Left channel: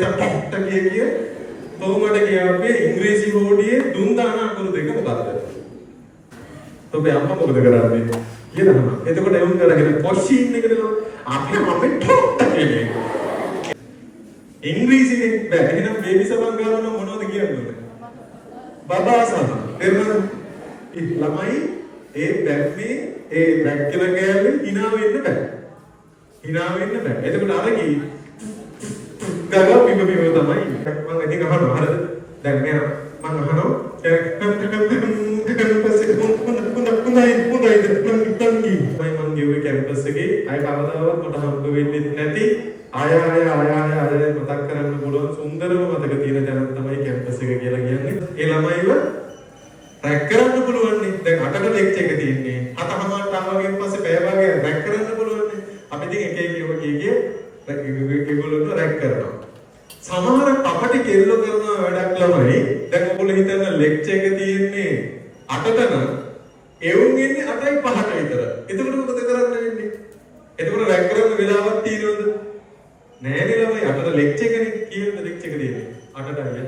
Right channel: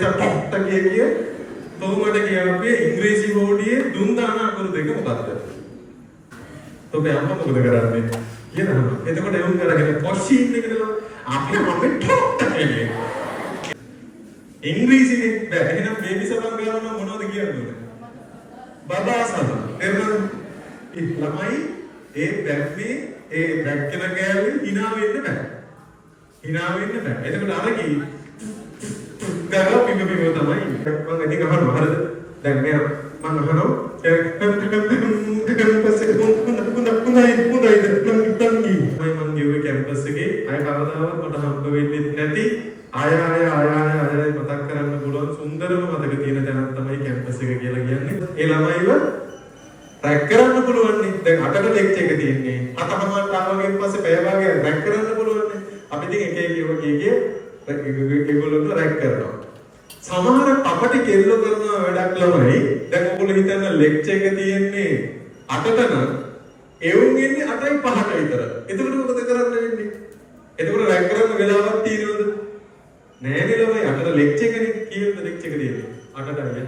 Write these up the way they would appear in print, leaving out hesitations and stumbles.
කිය කොහොමද කියාවේ ඉංග්‍රීසි බෝඩියේ දුන් දාන අකුරු දෙක මොකක්ද? ඔබේ අම්මා මොකද කරන්නේ? කියනවා. එතකොට එවුන් කරගෙන පොෂින් එකද අපි මම ටොක්ට කියන්නේ. ඉංග්‍රීසිනේ බෑ. එහෙනම් බේබි සබන් ගාන මොනවද කියන්නේ? බබා සබන්. එරනම් ළමයි ඒ බැම්මේ ඒ බැක්කල ගෑල්ලේ hina වෙන්න බෑ. hina වෙන්න බෑ. එතකොට අර කි ගාව පිඹ තමයි. මම ඉතින් අහනවා හරිද? දැන් මෙයා මම අහනවා කැම්පස් එකේ හොඳයි නංගි මම ගිහුවේ කැම්පස් එකේ අය කවදාවත් මට හම්බ වෙන්නේ නැති ආය මතක් කරන්න පුළුවන් සුන්දරම මතක තියෙන තැනක් තමයි කැම්පස් එක කියලා කියන්නේ. ඒ ළමයිව රැක් කරන්න පුළුවන් නේ. දැන් 8ට ලෙක්චර් එක තියෙන්නේ. 7:00ට ආවගෙන් පස්සේ පැය භාගයක් රැක් කරන්න පුළුවන් නේ. අපි ඉතින් එක ඒගොල්ලෝ රැක් කරනවා. සමහර කපටි කෙල්ල කරන වැඩක් ළමයි දැන් ඔයගොල්ලෝ හිතන්න ලෙක්චර් එක තියෙන්නේ 8ට නම් එවුන් එන්නේ 8:05ට විතර. එතකොට මොකද කරන්න වෙන්නේ? එතකොට රැක් කරන්න වෙලාවක් තියෙනවද? නෑ නේ ළමයි 8ට ලෙක්චර් එකනේ කීයද ලෙක්චර් එක තියෙන්නේ? 8ට අයිය.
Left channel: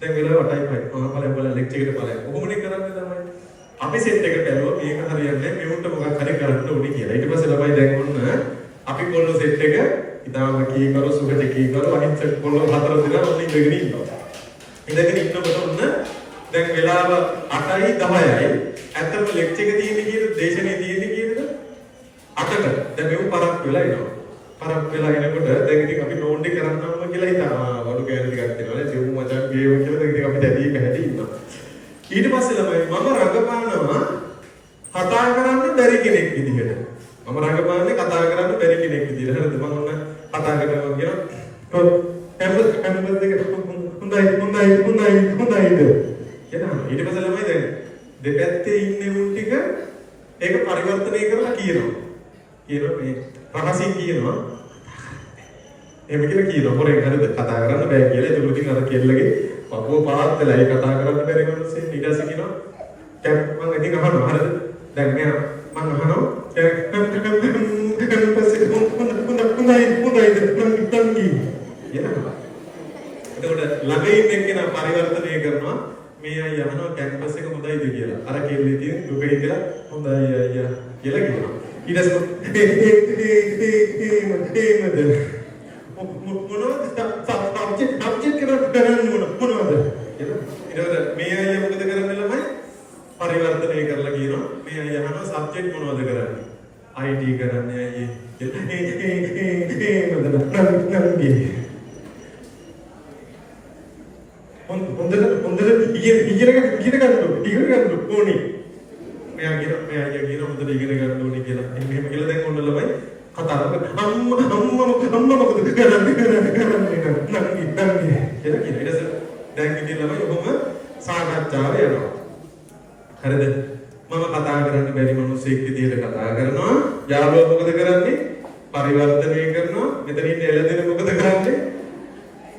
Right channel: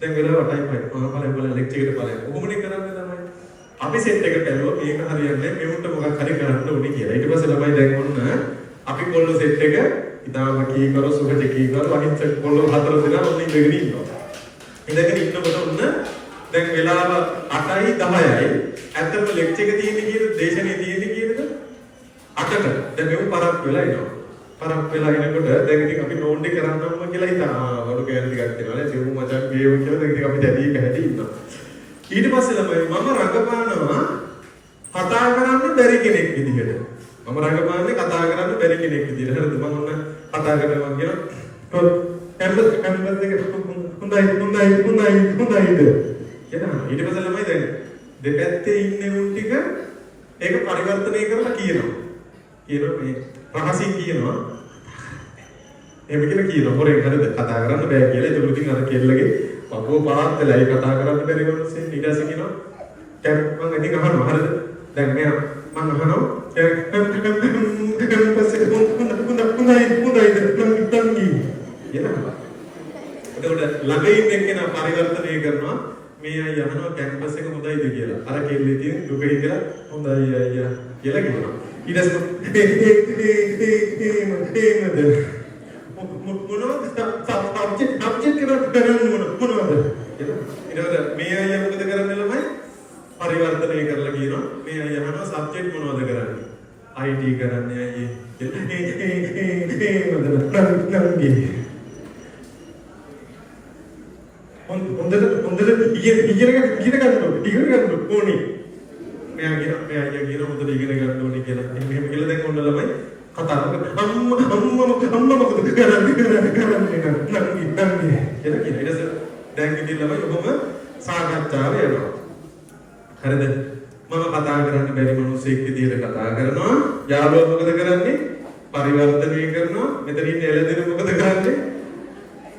දැන් වෙලාව 8:05. බලන්න ලෙක්චර් එකට බලන්න. කොහොමනේ කරන්නේ ළමයි? අපි සෙට් එක බැලුවා මේක හරියන්නේ නැහැ. මෙවුන්ට මොකක් හරි කරන්න ඕනේ කියලා. ඊට පස්සේ ළමයි දැන් ඔන්න අපි කොල්ල සෙට් එක ඉතාලම කී කරු සුහජ කී කරු අහිංසක කොල්ල හතර දෙනා ඔන්න ඉඳගෙන ඉන්නවා. ඉඳගෙන ඉන්නකොට ඔන්න දැන් වෙලාව 8:10යි. ඇත්තටම ලෙක්චර් එක තියෙන්නේ කීයද? දේශනේ තියෙන්නේ කීයද? 8ට. දැන් මෙවුන් පරක් වෙලා එනවා. පරක් වෙලා එනකොට දැන් ඉතින් අපි නෝන්ඩි කරන්නම්ම කියලා හිතා වඩු කෑලි ටිකක් දෙනවා. සිව් මචං ගේව කියලා දැන් ඉතින් අපි දැඩි පැහැටි ඉන්නවා. ඊට පස්සේ ළමයි මම රඟපානවා කතා කරන්න බැරි කෙනෙක් විදිහට. මම රඟපාන්නේ කතා කරන්න බැරි කෙනෙක් විදිහට. හරිද? මම ඔන්න කතා කරනවා කියනවා. කැම්පස් එක හොඳයිද? කියනවා. ඊට පස්සේ ළමයි දැන් දෙපැත්තේ ඉන්නේ උන් ටික ඒක පරිවර්තනය කරලා කියනවා. මේ රහසින් කියනවා. එහෙම කියලා කියනවා. හොරෙන් හරිද? කතා කරන්න බෑ කියලා. ඒක උලින් අර කෙල්ලගේ පපුව පාත් වෙලා ඒ කතා කරන්න බැරි වුණොත් ඊට පස්සේ කියනවා. මම ඉතින් අහනවා හරිද? දැන් මෙයා මම අහනවා කැම්පස් එක හොඳයිද නංගි කියනවා. එතකොට ළඟ ඉන්න එක්කෙනා පරිවර්තනය කරනවා. මේ අය අහනවා කැම්පස් එක හොඳයිද කියලා. අර කෙල්ලේ තියෙන දුක හිතලා හොඳයි අයියා කියලා කියනවා. ඊට පස්සේ මොනවද සබ්ජෙක්ට් කරන්නේ මොනවද ඊට මේ අය මොකද කරන්නේ ළමයි පරිවර්තනය කරලා කියනවා මේ අය අහනවා සබ්ජෙක්ට් මොනවද කරන්නේ IT කරන්නේ හොඳට ඉගෙන ගන්න ඕනේ මෙයා කියන හොඳට ඉගෙන ගන්න ඕනේ කියලා එහෙම කියලා දැන් ඔන්න ළමයි කතා කරලා අම්මා මොකද කරන්නේ නංගි කියලා කියන. ඊට පස්සේ දැන් ඉතින් ළමයි ඔබම සාකච්ඡාව යනවා. හරිද? මම කතා කරන්න බැරි මිනිස්සෙක් විදිහට කතා කරනවා. යාළුවා මොකද කරන්නේ? පරිවර්තනය කරනවා. මෙතන ඉන්න එළදෙන මොකද කරන්නේ?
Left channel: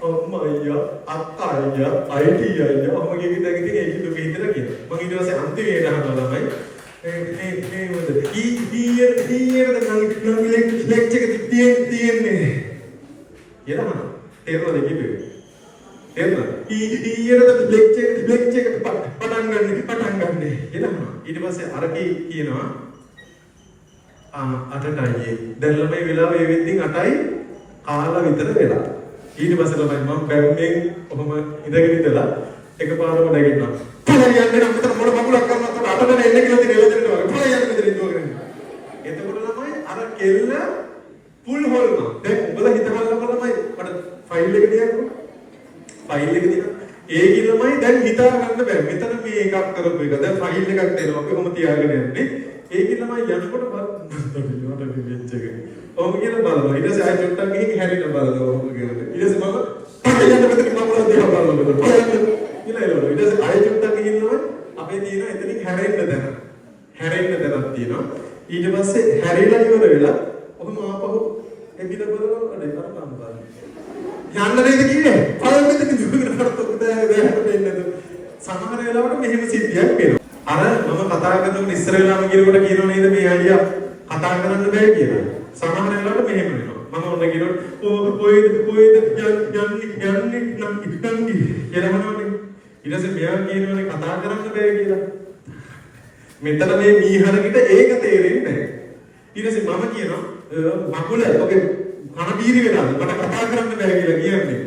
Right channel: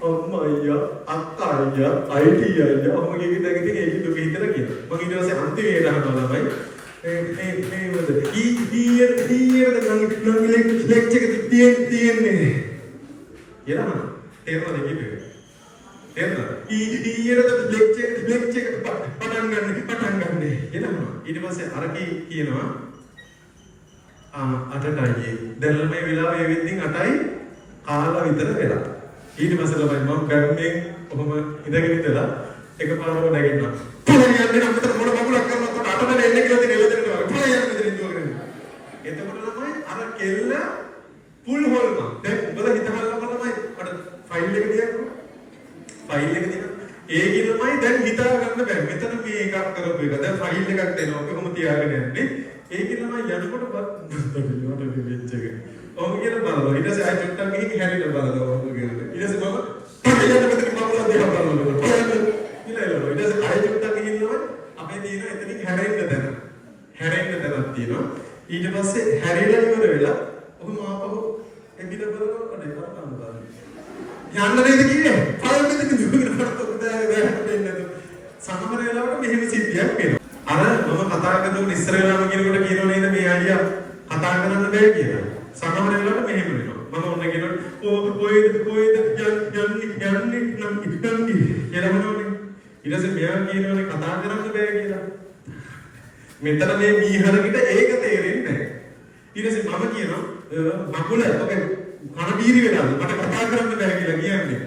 අම්මා අයියා අක්කා අයියා IT අයියා ඔහම කිව්ව දැන් ඉතින් ඒක දුක හිතලා කියනවා. මම ඊට පස්සේ අන්තිමේට අහනවා ළමයි මේ මොකද ඊයේ නංගි ලෙක්චර් එක තියෙන්නේ කියලා තේරුණාද කිව්වේ තේරුණා ඊයේ ලෙක්චර් එක පටන් ගන්න කියලා ඊට පස්සේ අර කියනවා 8ටයි දැන් ළමයි වෙලාව ඒ වෙද්දින් 8යි කාලා විතර වෙලා ඊට පස්සේ ළමයි මම බැම්මෙන් ඔහම ඉඳගෙන ඉඳලා එකපාරම නැගිටිනවා පොළේ යන්නේ නම් මෙතන මොන මගුලක් කරනකොට 8 දෙනෙක් එන්නේ කියලා තියෙන එළදෙනට වගේ පොළේ යන්නේ මෙතන ඉඳගෙන එතකොට ළමයි අර කෙල්ල පුල් හොල්නවා දැන් උඹලා හිතහල්ලම ළමයි මට ෆයිල් එක දියන්නකො ෆයිල් එක දියන්න ඒකේ ළමයි දැන් හිතා ගන්න බෑ මෙතන මේ එකක් කරපු එක දැන් ෆයිල් එකක් දෙනවා අපි කොහොම තියාගෙන යන්නේ ඒකේ ළමයි යනකොට මට වෙච්ච එක ඔහොම කියලා බලනවා ඊට පස්සේ ආයෙ චුට්ටක් ගිහින් හැරිලා බලනවා ඔහොම කියලා ඊට පස්සේ මම පොළේ යන්න මෙතන මම දිහා බලනවා පොළේ යන්න කියලා එළවලු ඊට පස්සේ ආයෙ චුට්ටක් ගිහින්නවා අපේ තියෙන එතනින් හැරෙන්න තැනක් තියෙනවා ඊට පස්සේ හැරිලා ඉවර වෙලා ඔබ මාපහු එදින බලනවා අඩේ තරම් බලන්න යන්න නේද කිව්වේ පොළේ මෙතන දුවගෙන හරතොත් දැහැරෙන්නේ සමහර වෙලාවට මෙහෙම සිද්ධියක් වෙනවා අර මම කතා කරනකොට ඉස්සර වෙලාම කියනකොට කියනෝ නේද මේ අයියා කතා කරන්න බෑ කියලා සමහර වෙලාවට මෙහෙම වෙනවා මම ඔන්න කියනකොට කොයිද යන්නේ නම් කියලා මොනවනේ. ඊට පස්සේ මෙයා කියනවනේ කතා කරන්න බෑ කියලා. මෙතන මේ මීහරකිට ඒක තේරෙන්නේ නැහැ. ඊට පස්සේ මම කියනවා මකුල ඔගේ කන බීරි වෙලාද මට කතා කරන්න බෑ කියලා කියන්නේ.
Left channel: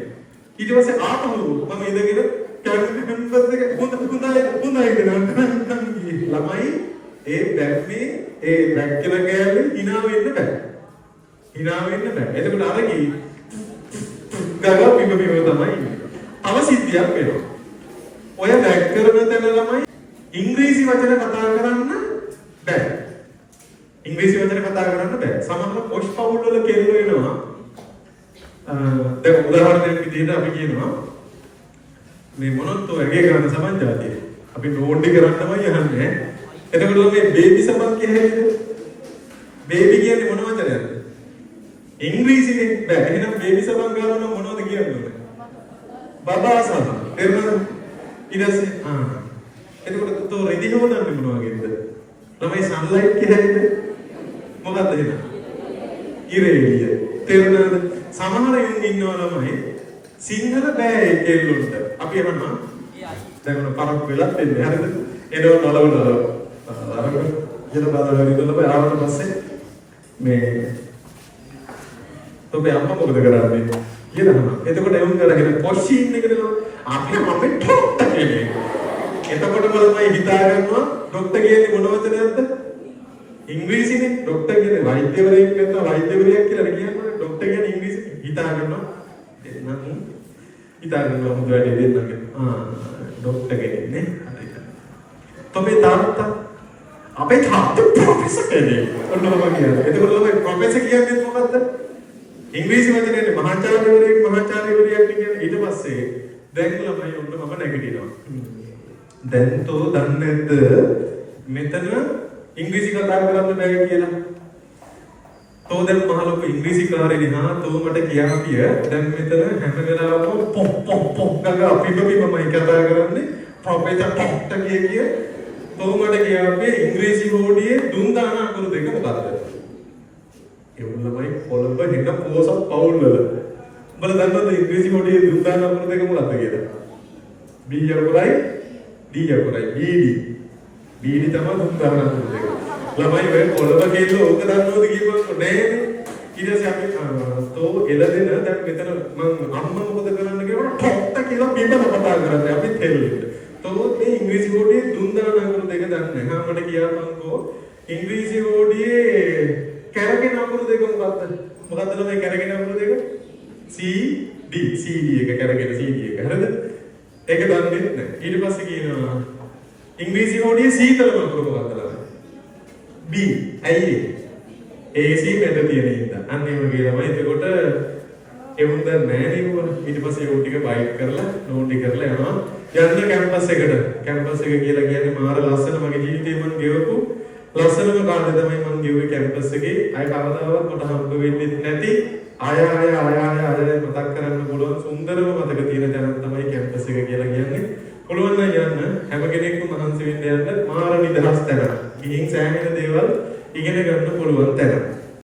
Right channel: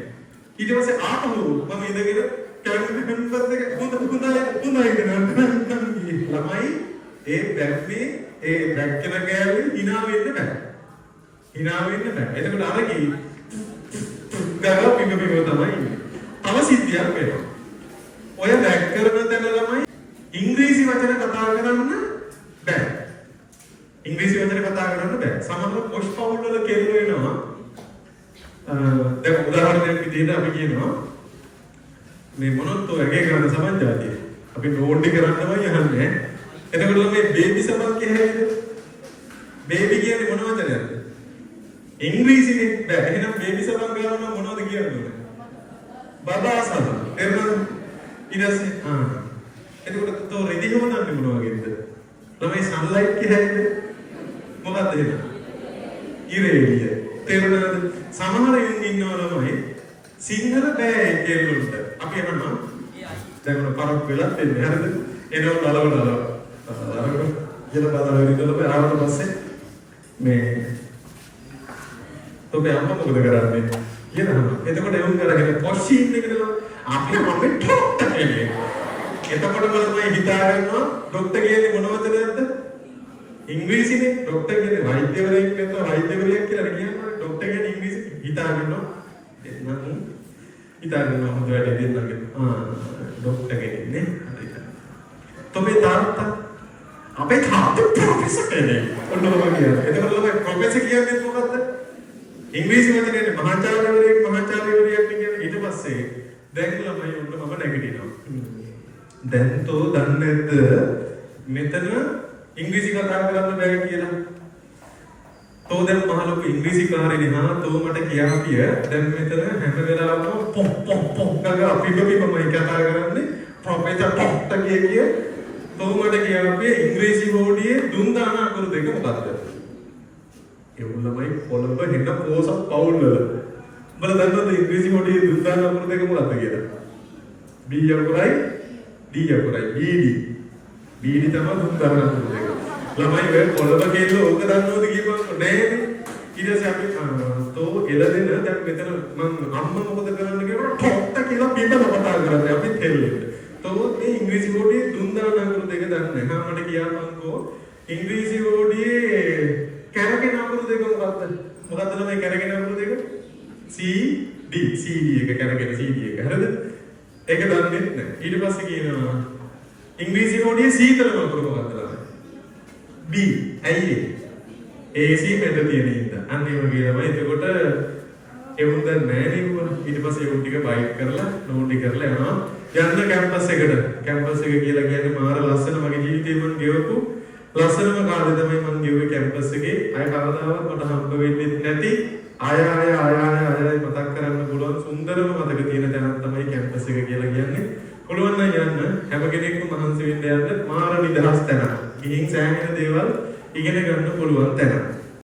ඊට පස්සේ ආපහු මම ඉඳගෙන කැම්පස් එක හොඳයි ළමයි ඒ බැක්මේ ඒ බැක්කල ගෑනේ hina වෙන්න බෑ. hina වෙන්න බෑ. එතකොට අර කි ගගා පිඹ තමයි ඉන්නේ. තව සිද්ධියක් වෙනවා. ඔය බැක් කරන තැන ළමයි ඉංග්‍රීසි වචන කතා කරන්න බෑ. ඉංග්‍රීසි වචන කතා කරන්න බෑ. සමහර පොෂ් පවුල් වල කෙල්ල වෙනවා. දැන් උදාහරණයක් විදිහට අපි කියනවා මේ මොනොත් ඔයගේ ගන්න සමන්ජාතිය. අපි නෝඩ්ඩි කරන්නමයි යන්නේ. එතකොට මේ බේබි සමන් කියන්නේ බේබි කියන්නේ මොන වචනයක්ද? ඉංග්‍රීසිනේ බෑ. එහෙනම් බේබි සමන් ගන්න නම් මොනවද කියන්නේ? බබා සමන්. එහෙනම් ඊටසේ එතකොට තෝ රෙදි හොනන්නේ මොන වගේද? ළමයි සන්ලයිට් කියන්නේ මොකක්ද එහෙනම්? ඉරේලිය. තේරුණාද? සමහර යුන් ඉන්නවා ළමයි සිංහල බෑ ඒ කෙල්ලොන්ට. අපි අහනවා දැන් උන පරක් වෙලත් එන්නේ. හරිද? එනෝ නලව අරක යන බදාගෙන ඉඳලා ආවට පස්සේ මේ ඔබේ අම්මා මොකද කරන්නේ කියනවා. එතකොට එවුන් කරගෙන පොෂින් එකද අපි මම ඩොක්ටර් කියන්නේ. එතකොටම ළමයි හිතා ගන්නවා ඩොක්ටර් කියන්නේ මොනවද නැද්ද? ඉංග්‍රීසිනේ. ඩොක්ටර් කියන්නේ වෛද්‍යවරයෙක් නැත්නම් වෛද්‍යවරියක් කියලා කියන්නේ. ඩොක්ටර් කියන්නේ ඉංග්‍රීසි හිතා ගන්නවා. එතනම හිතා ගන්නවා හොඳ වැඩි දෙන්නගේ. ඩොක්ටර් කියන්නේ හරියට. තොපේ තාත්තා අපේ තාත්තා ප්‍රොෆෙසර් කෙනෙක්. ඔන්නෝම කියන්නේ. එතකොට ළමයි ප්‍රොෆෙසර් කියන්නේ මොකද්ද? ඉංග්‍රීසි වචනේනේ මහාචාර්යවරයෙක් මහාචාර්යවරියක් කියන්නේ. ඊට පස්සේ දැන් ළමයි ඔන්න මම නැගිටිනවා. දැන් තෝ දන්නේ නැද්ද මෙතන ඉංග්‍රීසි කතා කරන්න බෑ කියලා. තෝ දැන් මහලොකු ඉංග්‍රීසි කාරේනේ හා තෝ මට කියාපිය දැන් මෙතන හැම වෙලාවම පොප් ගගා පිබමයි කතා කරන්නේ ප්‍රොෆෙසර් ඩොක්ටර් කිය තෝ මට කියාපිය ඉංග්‍රීසි හෝඩියේ දුන් දාන අකුරු දෙක මොකක්ද? ඒ උල්ලමයි කොළඹ හිට පෝසත් පවුල් වල. උඹලා දන්නවද ඉංග්‍රීසි හෝඩියේ දුන් දාන අකුරු දෙක මොකක්ද කියලා? B අකුරයි D අකුරයි BD තමයි දුන් දාන අකුරු දෙක. ළමයි ඔය කොළඹ කෙල්ල ඕක දන්නවද කියපුවා නෑනේ. ඊට පස්සේ අපි තෝ එළදෙන දැන් මෙතන මම අම්මා මොකද කරන්න කියනවා ඩොක්ටර් කියලා පිටම කතා කරන්නේ අපි තෙල්ලෙට. තෝ මේ ඉංග්‍රීසි හෝඩියේ දුන් දාන අකුරු දෙක දන්නේ. හා මට කියපන්කෝ ඉංග්‍රීසි හෝඩියේ කැරගෙන අකුරු දෙක මොකක්ද? මොකක්ද ළමයි කැරගෙන අකුරු දෙක? CD එක කැරගෙන CD එක. හරිද? ඒක දන්නේ නැහැ. ඊට පස්සේ කියනවා ඉංග්‍රීසි හෝඩියේ සීතලම අකුරු මොකක්ද ළමයි? B. ඇයි AC මෙතන තියෙන ඉඳ. අන්න ඒ වගේ ළමයි. එතකොට එවුන් දැන් නෑනේ වුණ. ඊට පස්සේ ඒ ටික බයිට් කරලා නෝටි කරලා යනවා. යන්න කැම්පස් එකට. කැම්පස් එක කියලා කියන්නේ මාර ලස්සන මගේ ජීවිතේ මම ගෙවපු ලස්සනම කාලේ තමයි මම ගෙවුවේ කැම්පස් එකේ. අය කවදාවත් මට හම්බ වෙන්නේ නැති ආය මතක් කරන්න පුළුවන් සුන්දරම මතක තියෙන තැනක් තමයි කැම්පස් එක කියලා කියන්නේ. පුළුවන් නම් යන්න හැම කෙනෙක්ම මහන්සි වෙන්න යන්න මාර නිදහස් තැනක්. ගිහින් සෑහෙන දේවල් ඉගෙන ගන්න පුළුවන් තැනක්.